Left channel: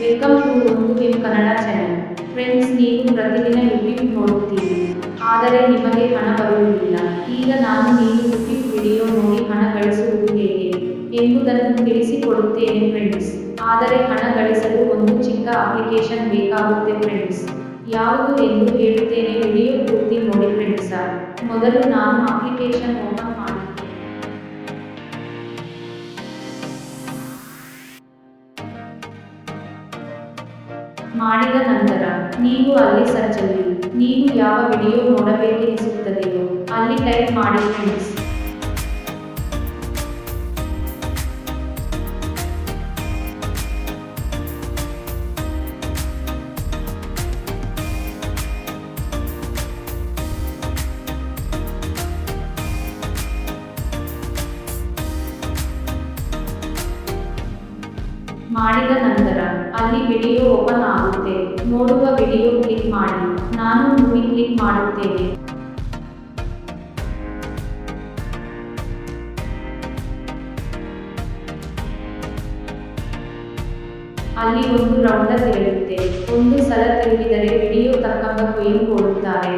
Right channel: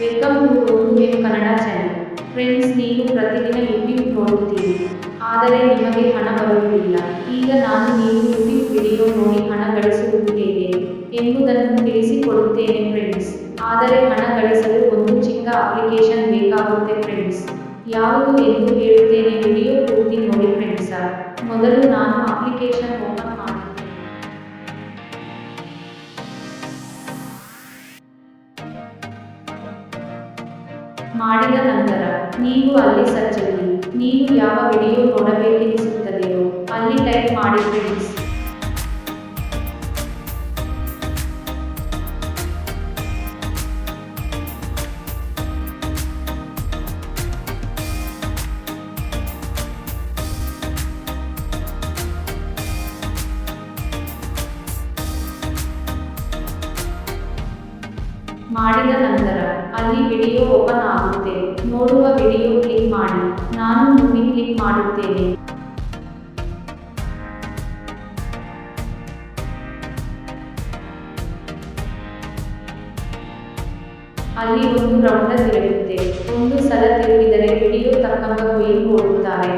Welcome to ಒಂದು M Kannada channel. Friends, ನೀವು ಪ್ರತಿದಿನ ಯೂಟ್ಯೂಬ್ ನೋಡುತ್ತೀರಿ, ಆದರೆ ನಿಮಗೆ ಹಣ ಬರುವುದಿಲ್ಲ. ಈಗ ನಾನು ನೀವು ಯೂಟ್ಯೂಬ್ ವಿಡಿಯೋ ನೋಡಿ ಹಣ ಗಳಿಸುವುದು ಹೇಗೆ ಎಂಬುದನ್ನು ತಿಳಿಸಿಕೊಡುತ್ತೇನೆ ಫ್ರೆಂಡ್ಸ್. ಆದರೆ ಹಣ ಗಳಿಸಲು ಒಂದು ಚಿಕ್ಕ ಅಪ್ಲಿಕೇಶನ್ ಬೇಕಾಗುತ್ತೆ ಫ್ರೆಂಡ್ಸ್. ಯಾವುದು ಎಂದು ಹೇಳುತ್ತೇನೆ, ವಿಡಿಯೋ ಪೂರ್ತಿ ನೋಡಿ ಫ್ರೆಂಡ್ಸ. ಮೊದಲು ನಾನು ಅಪ್ಲಿಕೇಶನ್ ಓಪನ್ ಮಾಡುತ್ತೇನೆ. ಮಾಡಿದ ನಂತರ ನೀವು ಅಲ್ಲಿ ಸರ್ಚಲ್ಲಿ ನೀವು ಯಾವ ವಿಡಿಯೋ ನೋಡಬೇಕೆನಿಸುತ್ತದೆಯೋ ಅಲ್ಲಿ ಟೈಪ್ ಮಾಡಿ ಫ್ರೆಂಡ್ಸ್. ಮಾಡಿದ ನಂತರ ಅಲ್ಲಿ ವಿಡಿಯೋ ಓಪನ್ ಆಗುತ್ತೆ. ನೋಡುವ ವಿಡಿಯೋ ಕ್ಲಿಕ್ ಮಾಡಿ. ನಾನು ಮೂವಿ ಕ್ಲಿಕ್ ಮಾಡುತ್ತೇನೆ. ಅಲ್ಲಿ ಒಂದು ರೌಂಡ ತಿರುಗುತ್ತೆ. ಒಂದು ಸಲ ತಿರುಗಿದರೆ ವಿಡಿಯೋ ತಕ್ಕಂಗ ಕೊಯಿನ್ ಕೊಡುತ್ತಾರೆ.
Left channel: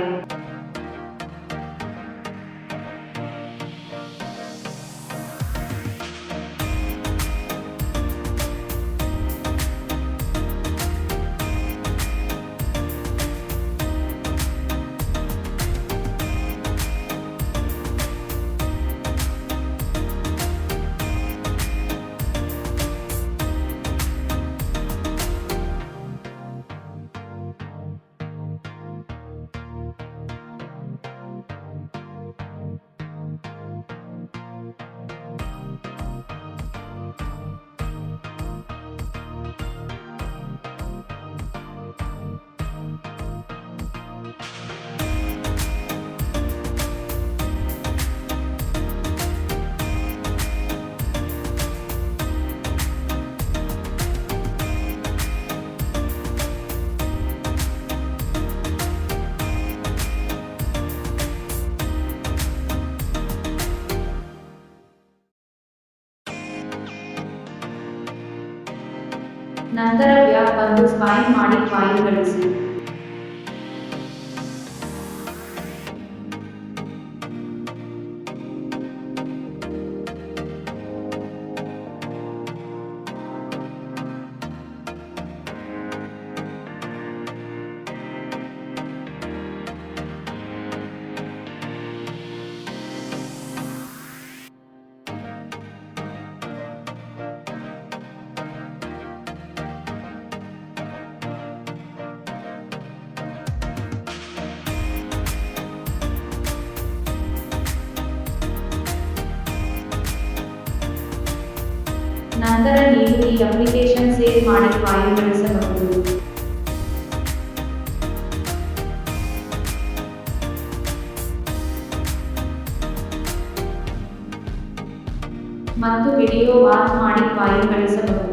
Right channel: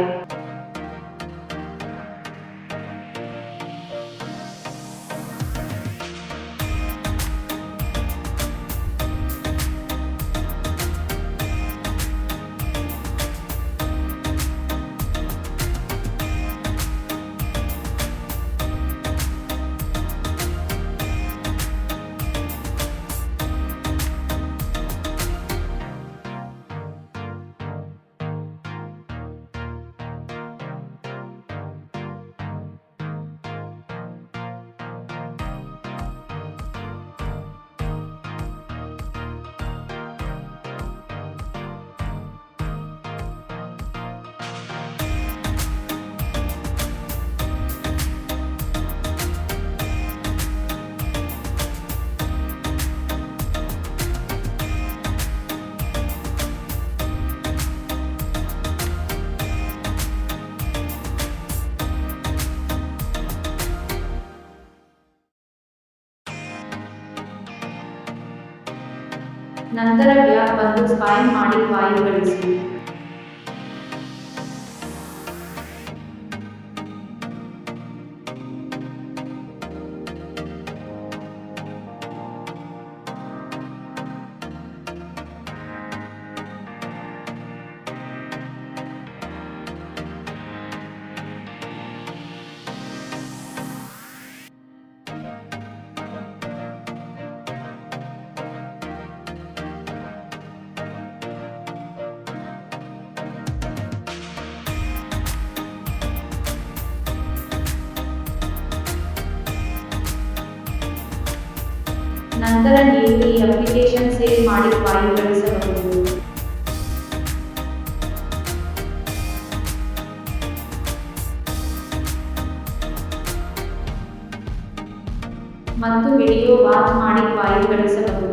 ನಂತರ ಬ್ಯಾಕ್ ಬಂದು ಸ್ಪೈನ್ ಮಾಡಿ ಕಾಯಿನ್ ಗಳಿಸಿ. ನಂತರ ನೀವು ಈ ಅಪ್ಲಿಕೇಶನ್ ಸೇವ್ ಮಾಡಿ ಕಾಯಿನ್ ಗಳಿಸಬಹುದು. ಮತ್ತು ವಿಡಿಯೋ ವಾಚ್ ಮಾಡಿ ಕಾಯಿನ್ ಗಳಿಸಬಹುದು.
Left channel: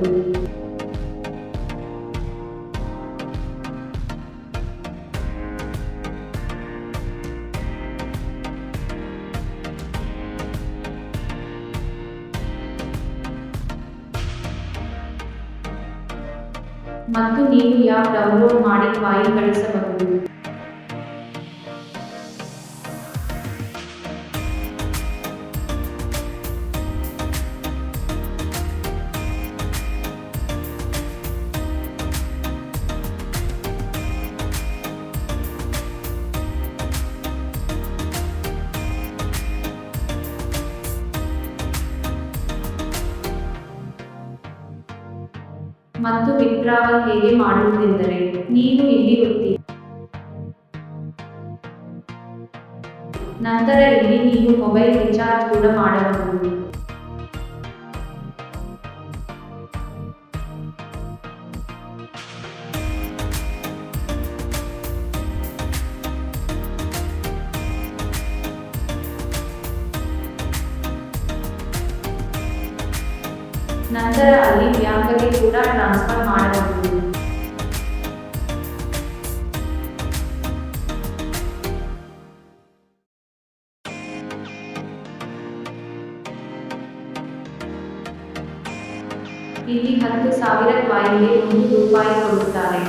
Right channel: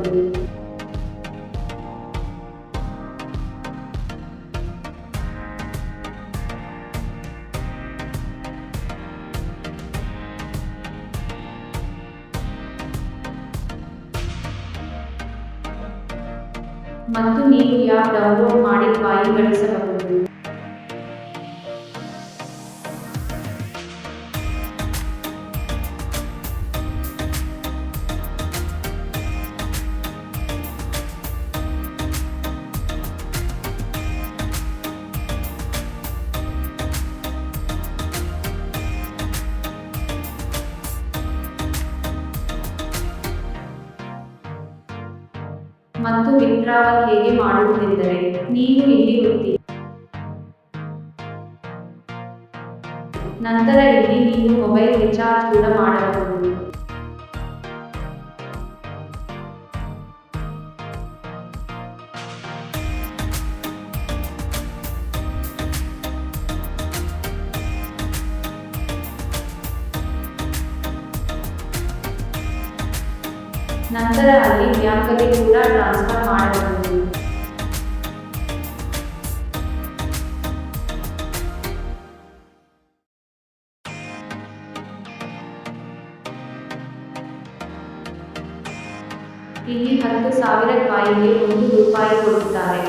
ಮತ್ತು ನೀವು ಆ್ಯಪ್ ಡೌನ್ಲೋಡ್ ಮಾಡಿ ಕಾಯಿನ್ ಗಳಿಸಬಹುದು. ಮತ್ತು ವಿತ್ಡ್ರಾವಲ್ ಹೇಗೆ ಮಾಡುವುದೆಂದರೆ, ನೀವು ಇಲ್ಲಿ ಒತ್ತಿ. ನಂತರ ಇಲ್ಲಿ ನೀವು ಮೊಬೈಲ್ ರಿಚಾರ್ಜ್ ಕೂಡ ಮಾಡಬಹುದು. ನಂತರ ಅಲ್ಲಿ ಬ್ಯಾಂಕ್ಗೆ ಕೂಡ ಟ್ರಾನ್ಸ್ಫರ್ ಮಾಡಬಹುದು. ಇಲ್ಲಿ 10,000 ಕಾಯಿನ್ಗೆ 1 ರೂಪಾಯಿ ಕೊಡುತ್ತಾರೆ.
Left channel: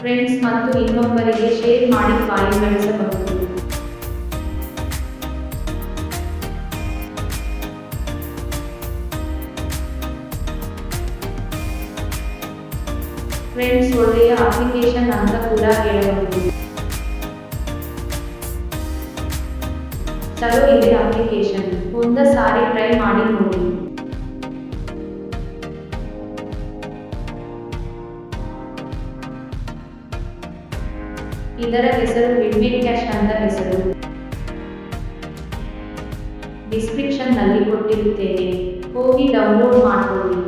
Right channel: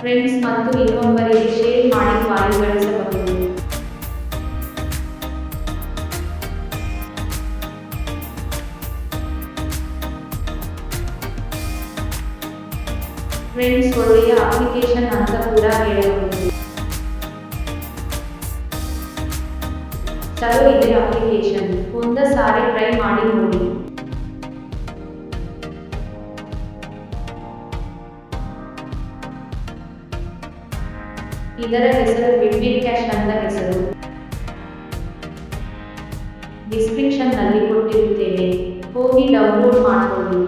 ಫ್ರೆಂಡ್ಸ್ ಮತ್ತು ಇನ್ನೊಬ್ಬರಿಗೆ ಶೇರ್ ಮಾಡಿ ಕಾಯಿನ್ ಗಳಿಸಬಹುದು. ಫ್ರೆಂಡ್ಸ್ ಒಳ್ಳೆಯ ಅಪ್ಲಿಕೇಶನ್ ಅಂತ ಕೂಡ ಹೇಳಬಹುದು. ಚಲೋ ಇದೆ ಅಪ್ಲಿಕೇಶನ್, ಒಂದ ಸಾರಿ ಟ್ರೈ ಮಾಡಿ ನೋಡಿ. ಇದರ ಹೆಸರು ವಿಡ್ಮಿಟ್ ಕ್ಯಾಶ್ ಅಂತ ಹೆಸರು. ಡಿಸ್ಕ್ರಿಪ್ಷನ್ ನಲ್ಲಿ ಕೊಟ್ಟಿರುತ್ತೇನೆ, ಹೋಗಿ ಡೌನ್ಲೋಡ್ ಮಾಡ್ಕೊಳ್ಳಿ.